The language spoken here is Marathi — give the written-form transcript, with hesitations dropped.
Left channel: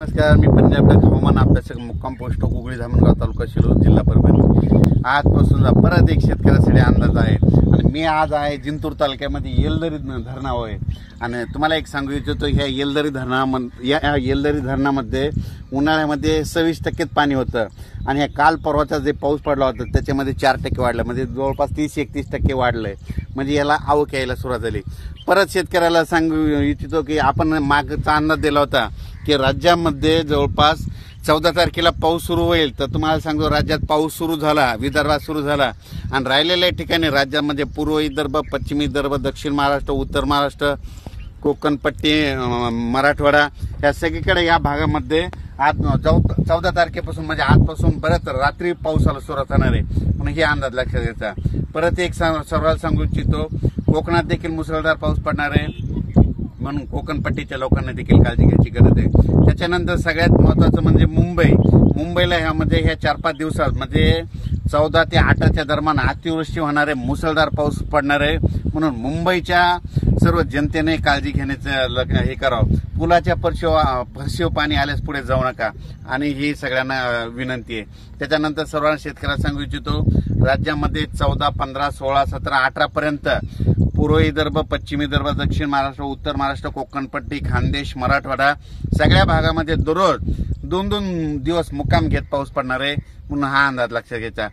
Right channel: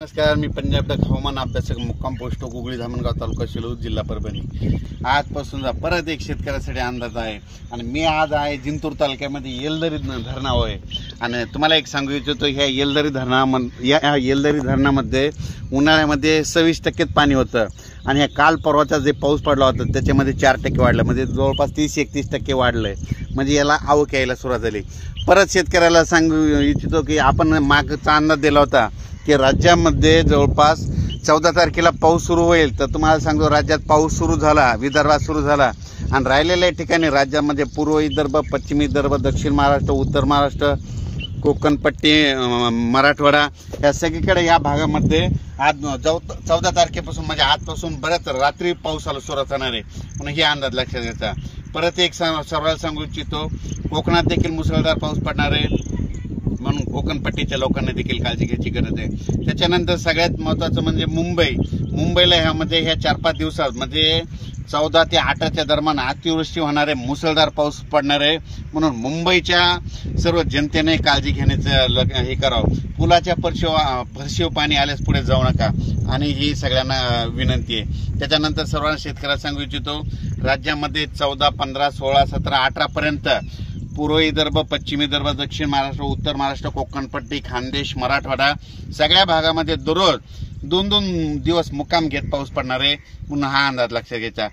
नमस्कार, मी पंजाब हवामान अभ्यासक मुक्काम पोस्ट गुगळी धामणगाव तालुका शिरूर जिल्हा परभणी। आजपासून परत एक शेतकऱ्यासाठी अंदाज आहे आणि मी आज आहे जिंतूर तालुक्यामध्ये येलदरी धरणावर आहे। आणि तुम्हाला एक सांगू इच्छितो, ह्या येलदरी धरणामध्ये उन्हाळ्यामध्ये 26% पाणी होतं आणि ह्या काल परवाचा जे पाऊस पडला होता त्याच्यामध्ये 4% वाढलं, म्हणजे जवळपास 30-31% वाढलंय। म्हणजे याला आवक यायला सुरुवात झाली। परत शेतकऱ्याला सांगू इच्छितो की आपण मागचा अंदाज दिला होता की राज्यामध्ये जवळपास 14 तारखेला पाऊस सुरू होईल, तर तुम्हाला सांगतो राज्यात पाऊस सुरू झाला, विदर्भात सुरू झाला आणि राहिलेल्या ठिकाणी राज्यामध्ये पूर्व विदर्भ, पश्चिम विदर्भ, दक्षिण महाराष्ट्र, उत्तर महाराष्ट्र, कोकणपट्टी, मराठवाडा या सगळीकडे या भागामध्ये आज 14 तारखेपासून म्हणजे आजपासून बऱ्याच रात्री पावसाला सुरुवात होणार आहे, म्हणून हे अंदाज लक्षात घ्यायचा। परत एक सर्वांना सांगू इच्छितो, कोकणात देखील मुसळधार पाऊस पडणार आहे, म्हणून कोकणपट्टीच्या लोकांना देखील काळजी घ्यायची गरज आहे। त्याच्यानंतर सगळ्यात महत्त्वाचं म्हणजे मुंबईला ह्यामध्ये ह्या 4-5 दिवसात म्हणजे 14 ते 8च्या दरम्यान अतिवृष्टी होणार आहे, मुसळधार पाऊस पडणार आहे, म्हणून मुंबईच्या सर्व जनतेने काळजी घेण्याचं हे करावं। पुलाच्या फरशीव पाणी आल्यास पुढे जाऊ नका, आणि ही सगळ्यांना विनंती आहे। त्याच्यानंतर सर्वांना शेतकऱ्याला सांगू इच्छितो, राज्यामध्ये 14, 15, 16, 17, 18 पर्यंत पूर्व विदर्भ, पश्चिम विदर्भ, दक्षिण महाराष्ट्र, उत्तर महाराष्ट्र, कोकणपट्टी, खानदेश, मराठवाडा सगळ्या भागामध्ये दररोज 2-2 दिवस मुक्काम घेत पाऊस पडणार आहे, म्हणून हा अंदाज लक्षात घ्यायचा।